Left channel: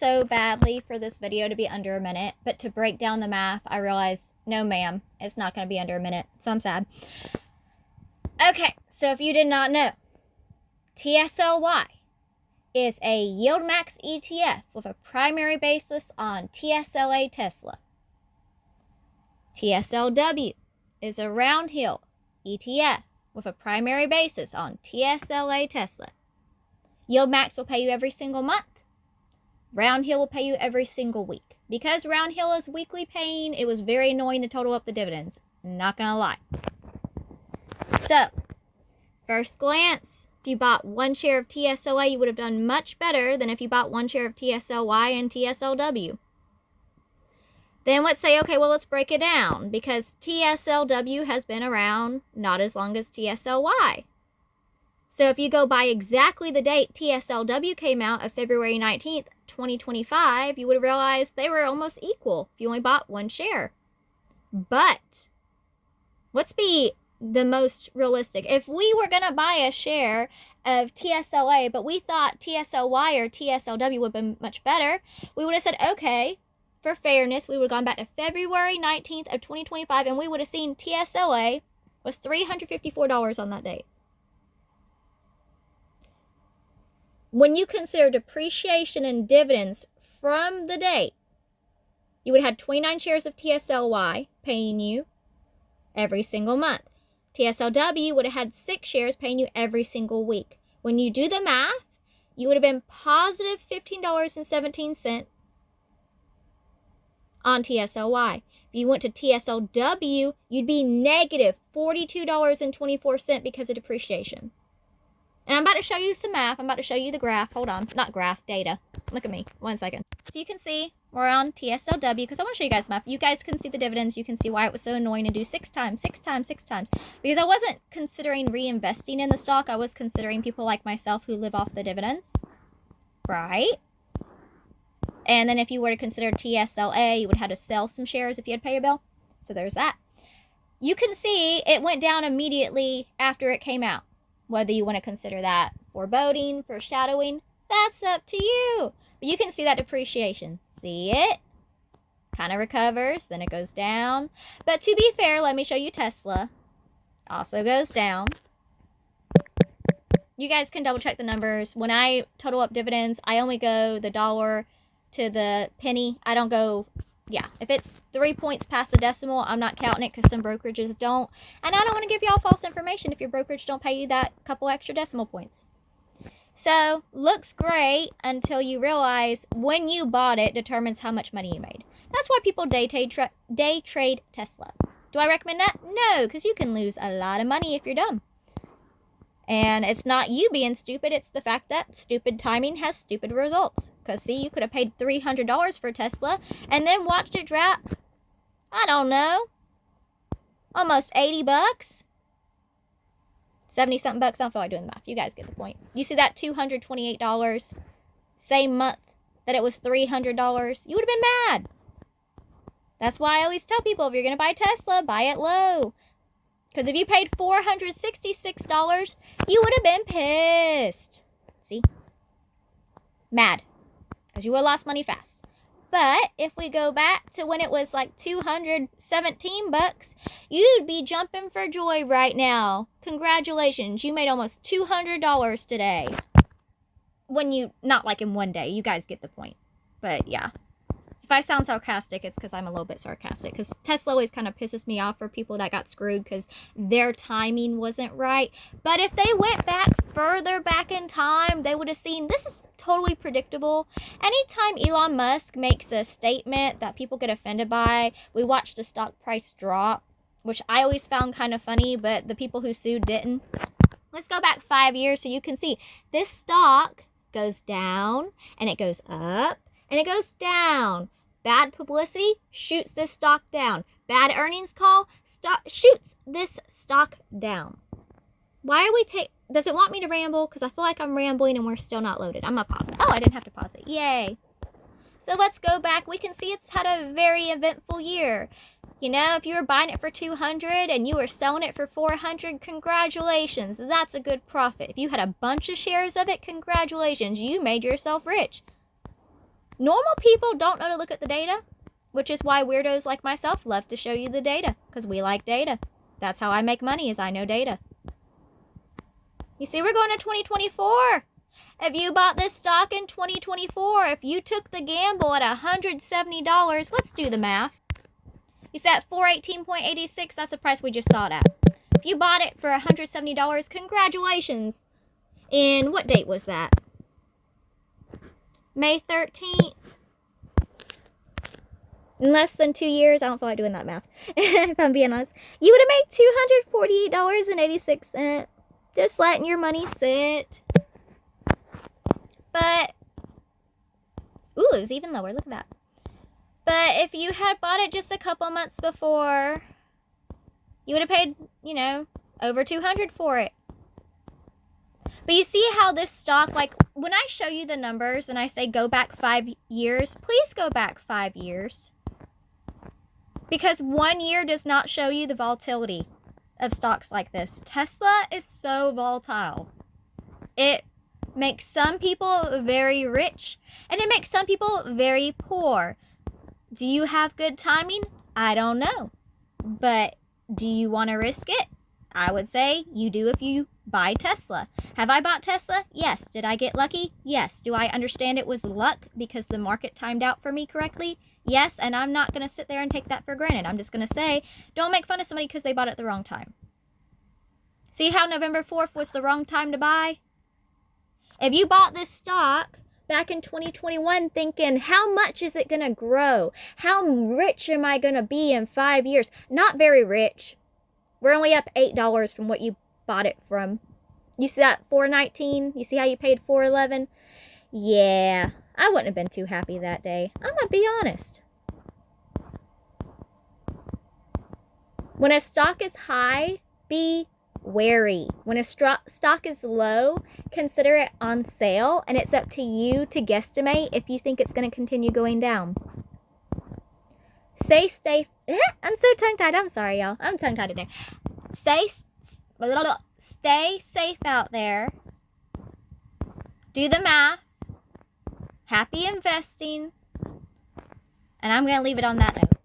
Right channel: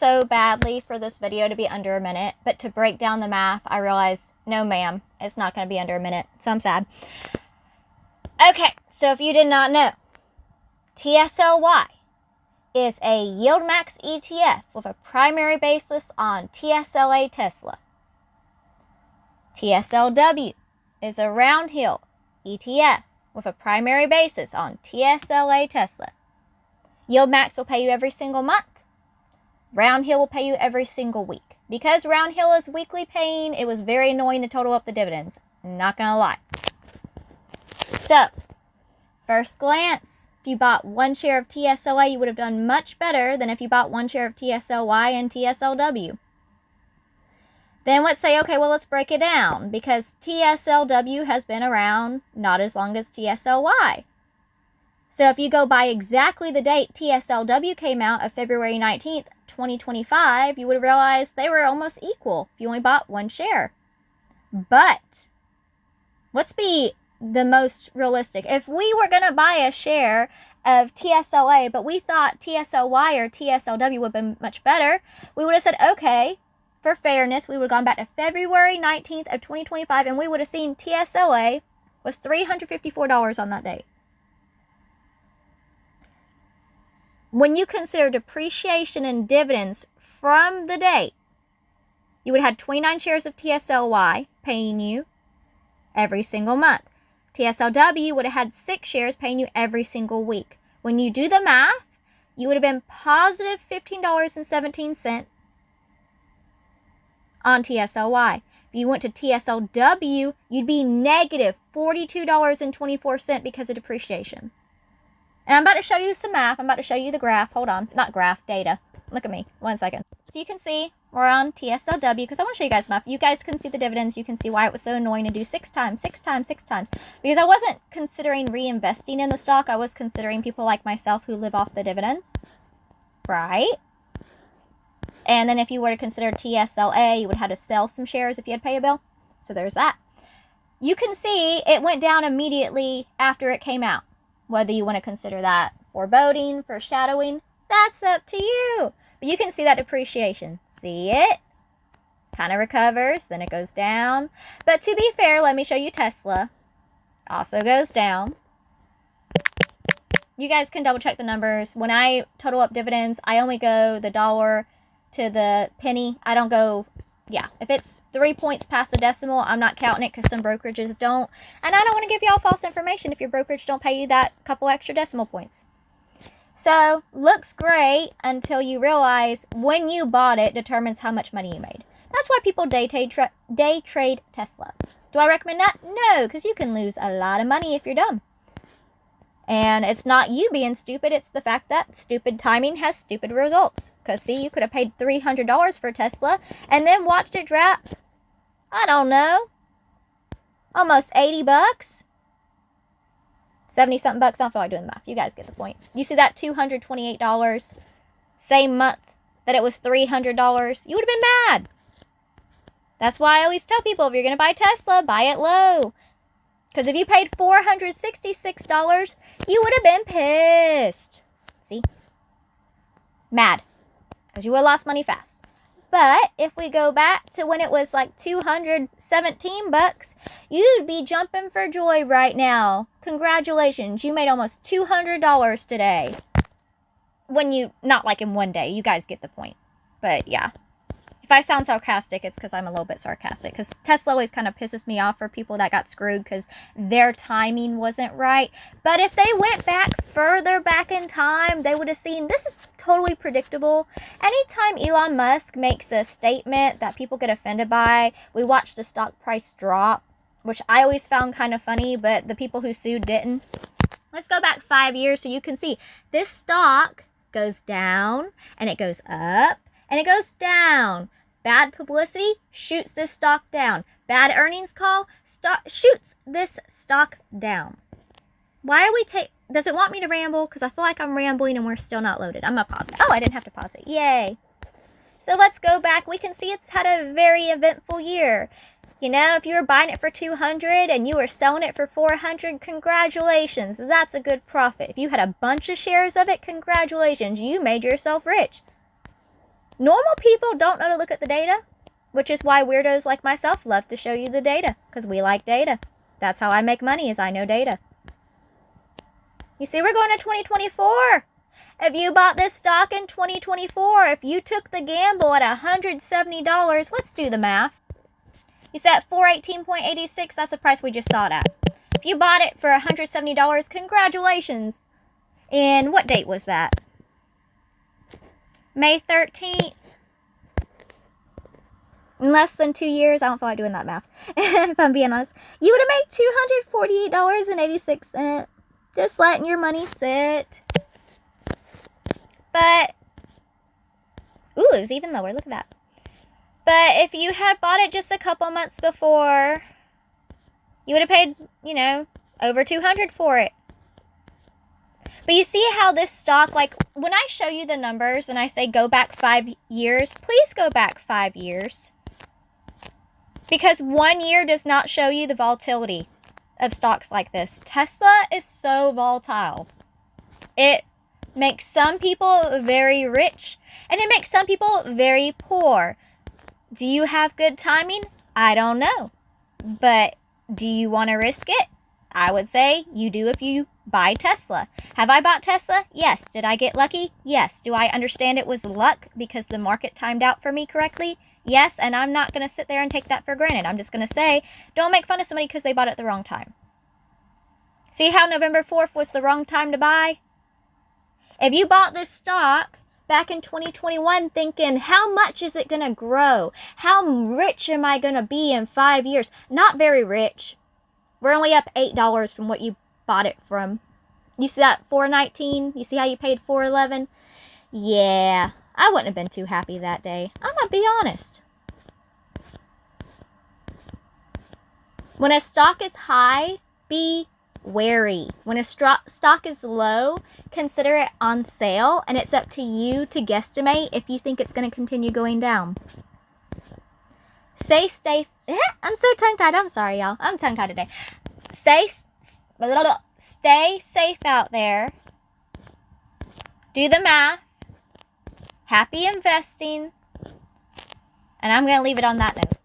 so badly for this video to be under a minute, but to break down the math, I realized, no ma'am, it's not going to be under a minute, so I'm sad. Okay, so if you did not know, TSLY is a YieldMax ETF with a primary basis on TSLA Tesla. TSLW is a Roundhill ETF with a primary basis on TSLA Tesla. YieldMax will pay you every single month. Roundhill will pay you every single week. Because Roundhill is weekly paying, it was very annoying to total up the dividends. Not gonna lie. So, first glance, if you bought one share of TSLA, you would have done much better than if you bought one share of TSLY and TSLW. Then let's say, okay, well, let's break it down, because TSLW has been around not as long as TSLY. So if you go by exactly the date TSLW came out of February 19th, 2025, you would have realized they were almost equal if you only bought one share. But let's be the most realistic. If we were going to buy a share of TSLA, but we thought TSLY or TSLW would have been much better, we would have said, okay, for fairness, we would have gone back to February 19th of 2025, and we would have seen TSLA was $354 on that date. When you consider depreciation and dividends from the date, you would have had 29 shares of TSLY paying you every single month. TSLW would have had 6 shares paying you every single week. When you do the math, you would have been positive $15.17 on TSLY. If you went to TSLW, you'd be negative $42.24 because of depreciation. And I'm about to show you some math. I'm about to show you the graph. Hold on. Not graph, data. Look at me. 1 second. So you can see we're on TSLW because I want to show you guys math. You guys can see the dividends. You can see why it was so annoying to do 6 times, 6 times, 6 times. Because I wasn't considering reinvesting in the stock. I was considering people like myself who live off the dividends. Right? And then if you were to consider TSLA, you would have to sell some shares if you had to pay a bill. So there's that. You can see it went down immediately after it came out. Whether you want to consider that foreboding, foreshadowing, that's up to you. But you can see that depreciation. See it? Kind of recovers, then it goes down. But to be fair, let me show you Tesla. Also goes down. You guys can double check the numbers. When I total up dividends, I only go the dollar to the penny. I don't go, yeah, if it's 3 points past the decimal, I'm not counting it because some brokerages don't. And I don't want to give y'all false information if your brokerage don't pay you that couple extra decimal points. So, looks great until you realize when you bought it determines how much money you made. That's why people day trade Tesla. Do I recommend that? No, because you can lose a lot of money if you're dumb. And it's not you being stupid, it's the fact that stupid timing has stupid results. Because, see, you could have paid $300 for Tesla and then watched it drop, I don't know, almost 80 bucks. 70-something bucks. I don't feel like doing the math. You guys get the point. You see that $228, same month that it was $300, you would have been mad. That's why I always tell people, if you're going to buy Tesla, buy it low. Because if you paid $466, you would have been pissed. See? Mad. Because you would have lost money fast. But if we go back to when it was like 217 bucks, you'd be jumping for joy right now. Congratulations. You made almost $200 today. When you, not like in one day. You guys get the point. But yeah. If I sound sarcastic, it's because I'm a little bit sarcastic. Because Tesla always kind of pisses me off for people that got screwed because their timing wasn't right. But if they went back further back in time, they would have seen this is totally predictable. Anytime Elon Musk makes a statement that people get offended by, we watch the stock price drop, which I always found kind of funny, but the people who sued didn't. Let's go back 5 years so you can see this stock goes down and it goes up and it goes down. Bad publicity shoots this stock down. Bad earnings call shoots this stock down. Why are we does it want me to ramble? Because I feel like I'm rambling and we're still not loaded. I'm going to pause it. Oh, I didn't have to pause it. Yay. So let's go back. We can see it's had a very eventful year. You know, if you were buying it for $200 and you were selling it for $400, congratulations. That's a good profit. If you had a bunch of shares of it, congratulations. You made yourself rich. Normal people don't know to look at the data, which is why weirdos like myself love to show you the data, because we like data. That's how I make money, is I know data. You see, we're going to 2024. If you bought this stock in 2024, if you took the gamble at $170, let's do the math. You said 418.86, that's the price we just saw it at. If you bought it for $170, congratulations. And what date was that? May 13th. In less than 2 years, I don't feel like doing that math, if I'm being honest. You would have made $248.86 just letting your money sit. But, ooh, it was even lower. Look at that. But if you had bought it just a couple months before, you would have paid, you know, over $200 for it. But you see how this stock, like, when I show you the numbers and I say go back 5 years, please go back 5 years. Because 1 year does not show you the volatility of stocks like this. Tesla is so volatile. It makes some people very rich, and it makes some people very poor. Do you have good timing? I don't know. But do you want to risk it? I would say you do if you buy Tesla. Have I bought Tesla? Yes. Did I get lucky? Yes. Do I understand it was luck because the market timed out for me correctly? Yes, and I'm not going to sit there and take that for granted. I'm just going to say, don't make fun of somebody because they bought it at the wrong time. See how November 4th was the wrong time to buy? If you bought this stock back in 2021 thinking, how much is it going to grow? How rich am I going to be in 5 years? Not very rich. We're only up $8 from what you bought it from. You see that $4.19? You see how you paid $4.11? Yeah, I wouldn't have been too happy that day. I'm going to be honest. When a stock is high, be wary. When a stock is low, consider it on sale, and it's up to you to guesstimate if you think it's going to continue going down. I'm so tongue-tied. I'm sorry, y'all. I'm tongue-tied today. Stay safe out there. Do the math. Happy investing. And I'm going to leave it on that note.